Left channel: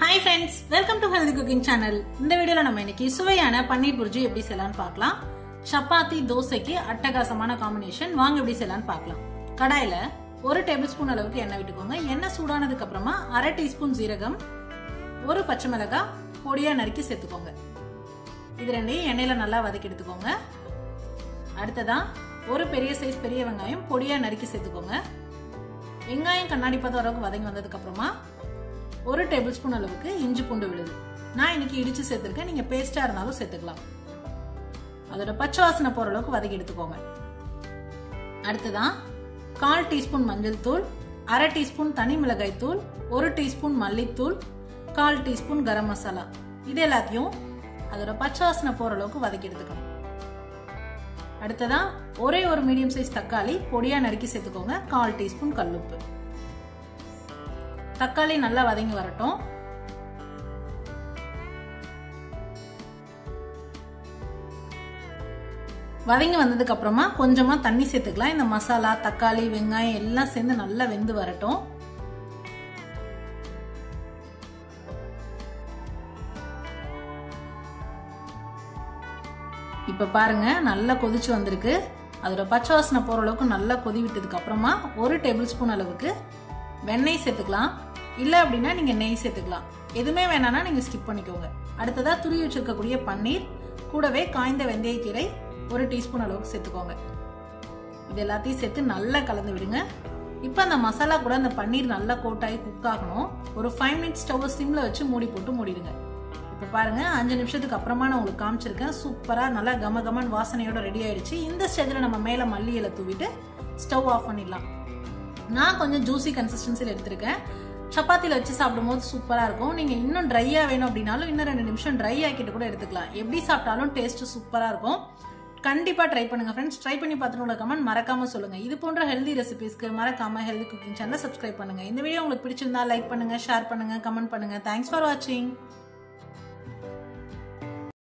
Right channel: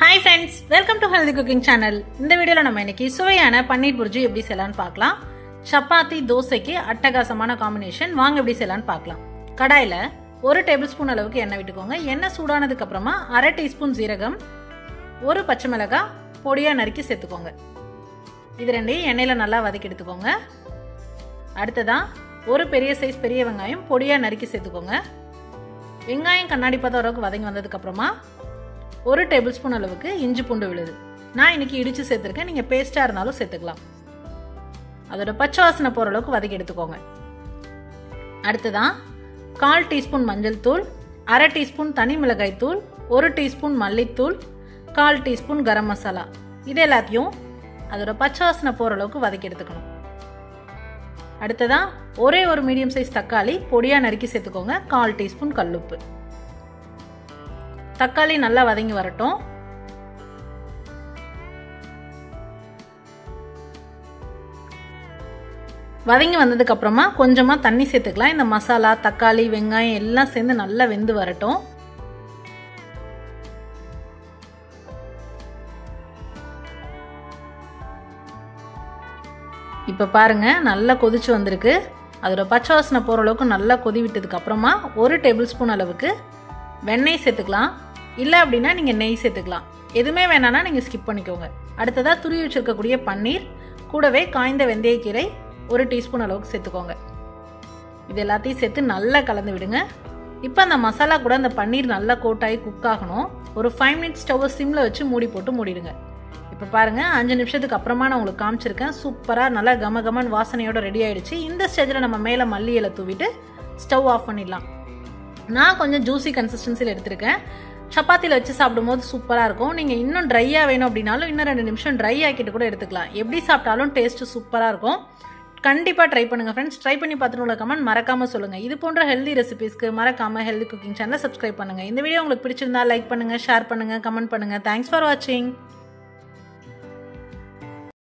Hi friends, welcome to Healthy Cooking Channel. இந்த வீடியோல நம்ம இன்னைக்கு சுவையான பன்னீர் புர்ஜி எப்படி செய்யலாம்னு பார்க்கலாம். சப்பாத்தி தோசைக்கு அட்டகாசமான காம்பினேஷன். வாங்க எப்படி செய்யலாம்னு பார்க்கலாம். கடாயில 1 டேபிள்ஸ்பூன் அளவுக்கு எண்ணெய் விட்டுக்கோங்க. எண்ணெய் சூடானதுக்கு அப்புறமா 1/2 டீஸ்பூன் ஜீரகம், 1 பச்சை மிளகாய் பொடியா நறுக்கி சேர்த்துக்கோங்க. இது ரெண்டையும் எண்ணெயில நல்லா வதக்கி எடுத்துக்கோங்க. அடுத்ததா 1 பெரிய சைஸ் பெரிய வெங்காயம் பொடியா நறுக்கி சேர்த்துக்கோங்க. வெங்காயம் கண்ணாடி பதம் அளவுக்கு வதங்கி வந்ததுக்கு அப்புறமா 1 டேபிள்ஸ்பூன் அளவுக்கு இஞ்சி பூண்டு விழுது. நான் இன்னைக்கு இடிச்சு சேர்த்திருக்கேன், நீங்க பேஸ்டா இருந்தாலும் சேர்த்துக்கலாம். அதோட பச்சை வாசனை போற அளவுக்கு வதக்கி எடுத்துக்கோங்க. அடுத்ததான் 1/4 டீஸ்பூன் மஞ்சள் தூள், 1/2 டீஸ்பூன் தனி மிளகாய் தூள், 1 டீஸ்பூன் மல்லித்தூள், 1/4 டீஸ்பூன் கரம் மசாலா. இது எல்லாத்தையும் அதோட பச்சை வாசனை போற அளவுக்கு வதக்கி எடுத்துக்கணும். அடுத்ததான் ஒரே ஒரு மீடியம் சைஸ் தக்காளி பொடியா நறுக்கி சேர்த்துக்கோங்க. 1/4 டீஸ்பூன் கல்லுப்பு. தக்காளி நல்லா வதங்கி வரட்டும். வதங்கி வந்ததுக்கு அப்புறமா கொஞ்சமா தண்ணி சேர்த்துக்கலாம். இந்த மசாலா தக்காளி வெங்காயம் எல்லாம் சேர்ந்து நல்லா வெந்து வரட்டும். இப்ப பாருங்க நல்லா கொதிச்சு வந்திருக்கு. அதோட பச்சை வாசனை போற அளவுக்கு நல்லா கொதி விட்டதுக்கு அப்புறமா 1 டேபிள் ஸ்பூன் அளவுக்கு வெண்ணெய் சேர்த்துக்கலாம். இல்ல அப்படின்னா நீங்க நெய் சேர்த்துக்கலாம். எதுவுமே வேணாம்னா நீங்க ஸ்கிப் பண்ணிக்கோங்க. அடுத்ததா துருவி வச்சிருக்கக்கூடிய பன்னீர் கூடவே காய்ந்த வெந்தயக்கீரை 1 டீஸ்பூன் அளவுக்கு சேர்த்துக்கோங்க. இது எல்லாத்தையும் சேர்த்து நல்லா கலந்து விடுங்க. இப்ப அந்த மசாலா கூட அந்த பன்னீர் நல்லா கோட்டாகி குக் ஆகணும். ஒரு 5 மினிட்ஸ் ஸ்டவ் சிம்ல வச்சு மூடி போட்டு மூடிடுங்க. இப்ப பாருங்க 5 நிமிஷத்துக்கு அப்புறமா நான் உங்களுக்கு காமிச்சிருக்கேன். சூப்பரா நல்லா கமகமன் வாசனையோட ரெடி ஆயிடுச்சு. இந்த ஸ்டேஜ்ல நம்ம மேல மல்லி இலை தூவிட்டு ஸ்டவ் ஆஃப் பண்ணிடலாம். நான் கொஞ்சம் ஜூசி கன்சிஸ்டன்சில எடுத்திருக்கேன். சப்பாத்தில வச்சு சாப்பிடும்போது சூப்பரா இருக்கும். நீங்க இன்னும் ட்ரையா வேணும் அப்படின்னாலும் இன்னும் 2 நிமிஷம் ட்ரை ஆக்கிட்டு கூட எடுத்துக்கலாம். எப்படி சாப்பிட்டாலும் டேஸ்ட் சூப்பரா இருக்கும். கண்டிப்பா ட்ரை பண்ணுங்க ஃப்ரெண்ட்ஸ். ட்ரை பண்ணி பார்த்துட்டு உள்ள கமெண்ட் மறக்காம சொல்லுங்க. இது போன்ற ஹெல்தி ரெசிபிஸ்க்கு மறக்காம ஹெல்தி குக்கிங் சேனலை சப்ஸ்கிரைப் பண்ணுங்க. இந்த வீடியோ உங்களுக்கு பிடிச்சிருந்தா லைக் பண்ணுங்க, ஷேர் பண்ணுங்க, கமெண்ட் பண்ணுங்க. தேங்க்ஸ் ஃபார் வாட்சிங்.